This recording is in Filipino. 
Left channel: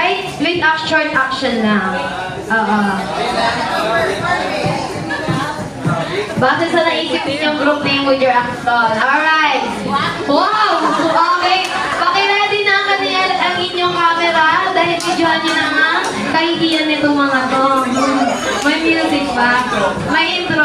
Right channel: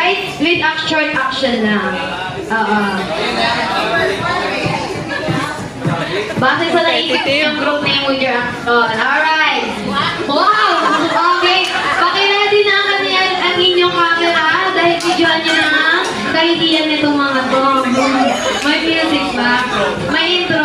Kahit with short action lang. Base sa naisip niyong group name with your action. Alright. Wow! Okay. Pakiready na kami ang inyong camera dahil videoan niyo na nga kahihiyan nitong mga to. May music ba? May intro